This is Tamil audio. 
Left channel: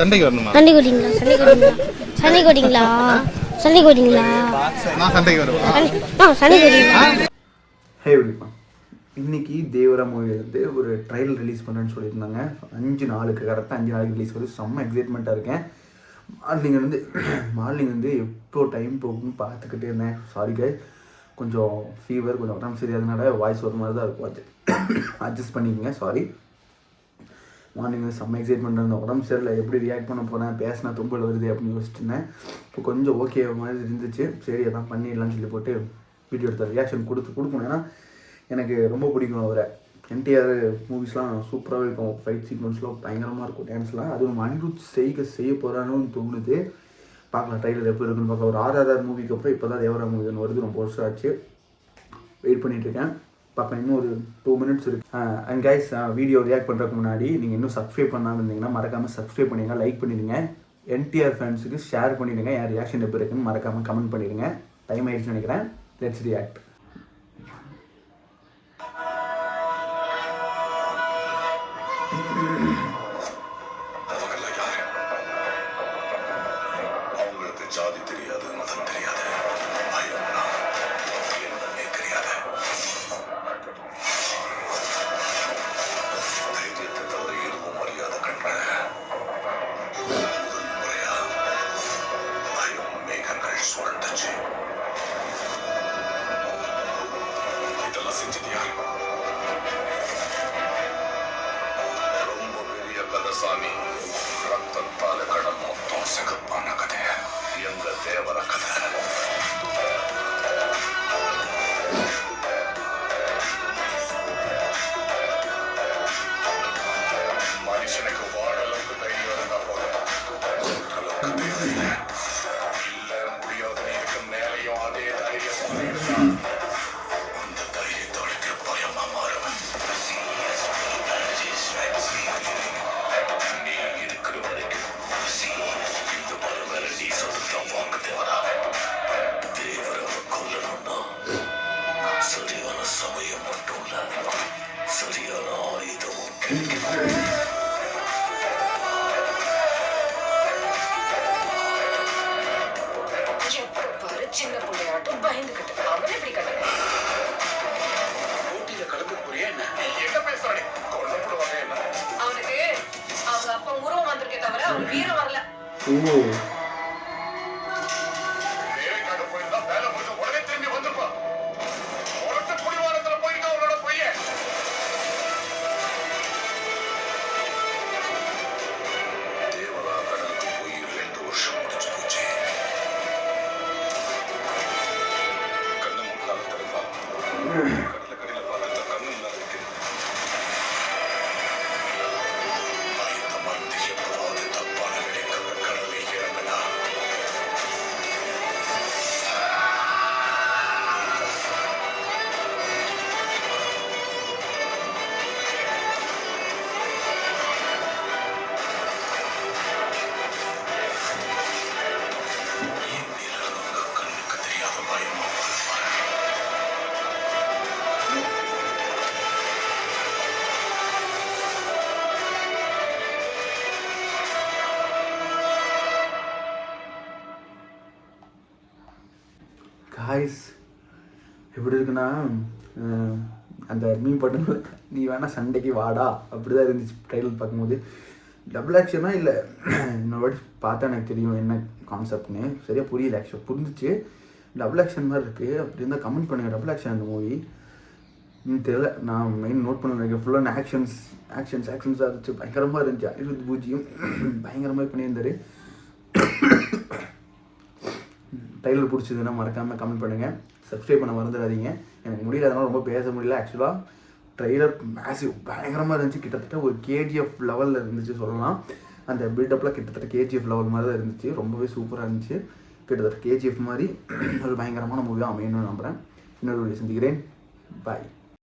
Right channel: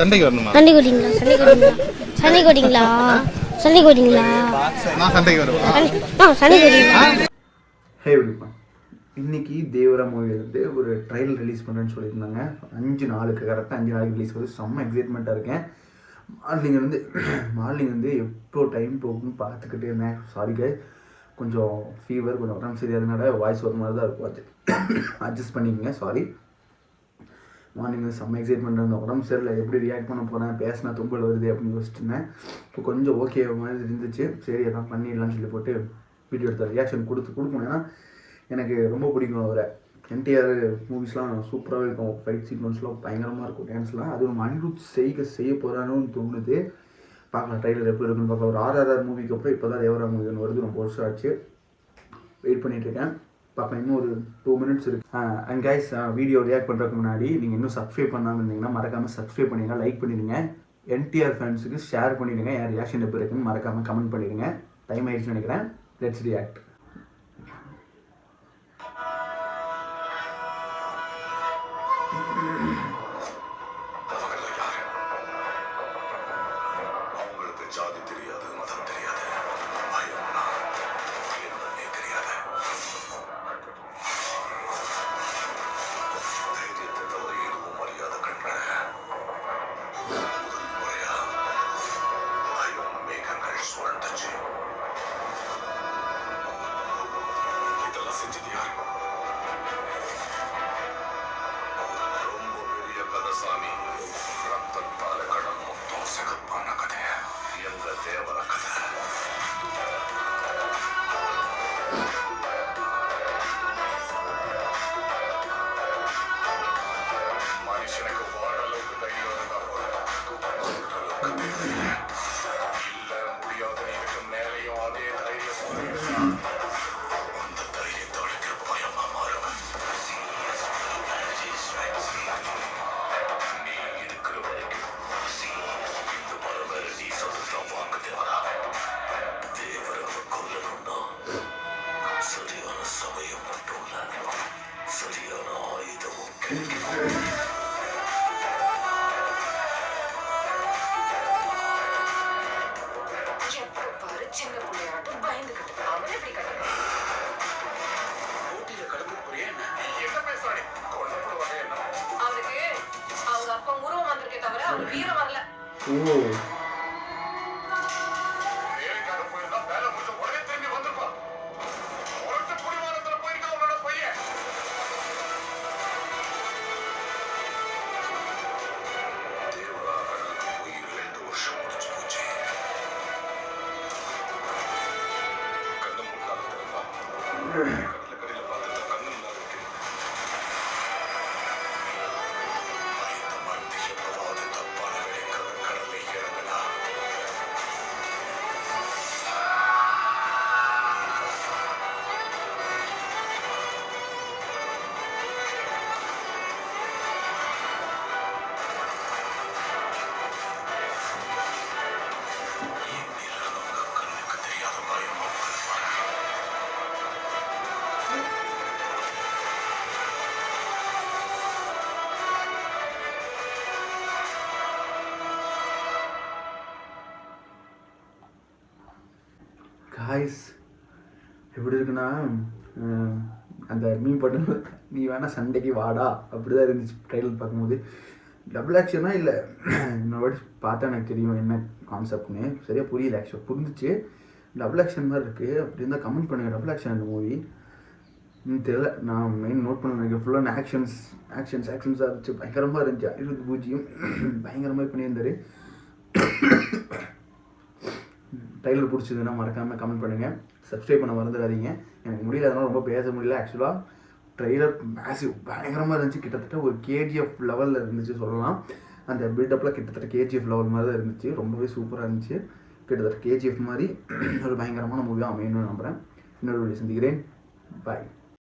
சண்டைக்கு வரணுமா? சண்டை கோடிங்களா? சண்டை கோடிங்களா? சண்டை கோடிங்களா? நான் சண்டைக்கு வருவேன். சண்டை கோடிங்களா? ஹே விழிப்பா, இன்னைக்கு தேவரா மூவி வந்து ஒரு ட்ரைலர் ரிலீஸ் பண்ணுறேன்னு சொல்லியிருந்தாங்க. 5 நாளுக்கு கரெக்டாக 5 நாளைக்கு ரிலீஸ் பண்ணி செம்ம எக்ஸைட்மெண்ட்டாக இருக்கேன். மார்னிங் வந்து எப்போ டைம் போகும்னு பார்த்துக்கிட்டே இருந்தேன். சாரி கை, கொஞ்சம் ஃபீவர், கொஞ்சம் உடம்பு சரியாதனால வாய்ஸ் ஒரு மாதிரி தான் இருக்கும், அட்ஜஸ்ட் பண்ணிக்கங்க. சாரி. மார்னிங் வந்து செம்ம எக்ஸைட்மெண்ட் இருந்தேன். உடம்பு சரியில்லை, எப்படி ரியாக்ட் பண்ண போகிறேன், பேசினா தும்பல் வருது அப்படின்னு யோசிச்சுட்டு இருந்தேன். இப்போ கொஞ்சம் ஓகே மாதிரி இருந்துச்சு. சரி அதான் பண்ணிடலான்னு சொல்லி போட்டு வீடியோ எடுத்த ரியாக்ஷன் கொடுக்கணும். ஏன்னா எனக்கு ரொம்ப பிடிக்கும் அவரை. என்டிஆர் மூவிஸ்லாம் சூப்பராகவே இருக்கும். ஃபைட் சீக்வன்ஸ்லாம் பயங்கரமாக இருக்கும், டான்ஸ்லாம். அது ஒரு அனிருத் செய்ய போகிறான்னு தோணுது. பார்க்கலாம் ட்ரைலர் எப்போ இருக்குன்னு பார்க்கலாம். ஒரு RRR மூவிக்கு அப்புறம் இப்போ தான் தேவரா மூவி ஒன்று வருது. ரொம்ப வருஷம் ஆச்சு, வெயிட் பண்ணிகிட்ருக்கேன். பார்க்கலாம், இன்னும் ஒரு 2 minutes இருக்குது. அண்ட் கைஸ், வீடியோ ரியாக்ட் பண்ணுறதுக்கு முன்னாடி நீங்கள் இன்னும் சப்ஸ்கிரைப் பண்ணாமல் இருந்தீங்கன்னா மறக்காமல் சப்ஸ்கிரைப் பண்ணிடுங்க, லைக் பண்ணிடுங்க. என்டிஆர் ஃபேன்ஸுக்கு ஷேர் பண்ணிடுங்க. யார் ரியாக்ஷன் எப்போ இருக்குன்னு மறக்காமல் கமெண்ட் பண்ணிடுங்க. டைம் ஆகிடுச்சுன்னு நினைக்கிறேன். Let's react. அவங்களுக்கு ஜாதி தெரியாது, மதம் தெரியாது, பயம்னா என்னன்னே தெரியாது. தைரியத்தை தவிர எதுவும் அறியாத கண்களை முதல் முறையா பயம் மேகங்கள் சுழண்டுச்சு. இதெல்லாம் செஞ்சது யாரு? ரொம்ப பெரிய கதசாமி. ரத்தத்தால கடல் மொத்தம் சிகப்பான கதை எங்க தேவர கதை. மனுஷனுக்கு வாழ அளவுக்கு தைரியம் இருந்தா போதும், அளவுக்கு தேவையில்லை. இல்ல முடியாதுன்னு இருக்கும் மேலையும் அதே தைரியம் அந்த தைரியத்தோடு பயமா மாறுவன். நீ இருக்கிற வரைக்கும் இந்த மலை மேல நீ சொந்தம் வாங்க தேவரா. தேவரவை கொல்லணும்னா சரியான சமயம் மட்டும் இல்ல, சரியான ஆயுதமும் கிடைக்கணும். சின்ன பிள்ளையாட்டும் பயந்துகிட்டு அவன் எப்படி கட்ட ஊட்டியில கலந்து போறியா என்ன? என்ன பேசுறானே? கொல்லப்படுவாங்க என்ன? அவனுக்கு அவங்க அப்பா உருவம் வந்திருக்கே தவிர அவனுக்கு வீரம் வரல. வேலைக்காக போயிருந்தா வேலை முடிஞ்ச உடனே திரும்பி வந்திருப்பான். உரத்த குடிவாரத்துல போயிருக்கா அவனோட பையன். தேவரா கடலுக்கு போய் 2 வருஷம் முடிச்சு போச்சு. கண்ணு முன்னால திறந்தான். கடல பார்த்து கண்ணு முன்னால இருக்கு. பயத்தை மறந்து எப்பவாவது தப்பான நிலைக்காக கடலை இறங்கினா கண்ணுக்கு தெரியாத பயமா காய்ஸ், எப்படி இருக்குன்னா அந்த மீன் பட்டு நீ வேணா சண்டைக்கு வாடா அப்படிதான் இருந்துச்சு ட்ரைலர் பார்க்கும்போது. டபுள் ஆக்ஷனா இல்லை, இன்னொரு வாட்டி பார்த்தா எனக்கு தெரியும் என்ன கான்செப்ட்னு. சரியாக புரியல, ஆக்சுவலாக புரிஞ்சிச்சு. டபுள் ஆக்ஷன் மாதிரி இருக்குது. அப்படி இருந்தால் கமெண்ட் பண்ணுங்கள். டபுள் ஆக்ஷன் அந்த மூவி தெரியல, நான் மெயின் நோட் பண்ண நினைக்கிறேன். ஃபுல்லான ஆக்ஷன்ஸாக இருந்துச்சு. பயங்கரமாக இருந்துச்சு. அனிருத் பூஜ்ஜியம் பயங்கரமாக பண்ணியிருந்தார். ட்ரைலர் பிடிச்சதுன்னா மறக்காமல் கமெண்ட் பண்ணுங்கள். சப்ஸ்கிரைப் பண்ண மறந்துடாதீங்க. எனக்கு முடியல, அதனால் ரொம்ப பேச முடியல. ஆக்சுவலாக ட்ரைலர் மேசிவ் பயங்கரமாக இருந்துச்சு. கிட்டத்தட்ட ஒரு KGF லெவலில் இருந்துச்சு சொல்லலாம். அந்த பில்டப்லாம் கிட்டத்தட்ட KGF லெவல் மாதிரி தான் இருந்துச்சு. ரொம்பவே சூப்பராக இருந்துச்சு. கிட்டத்தட்ட KGF மாதிரி ஒரு பயங்கரமான மூவியாக அமையணும்னு நம்புகிறேன். இன்னொரு வீடியோ சந்திக்கிறேன். பாய்.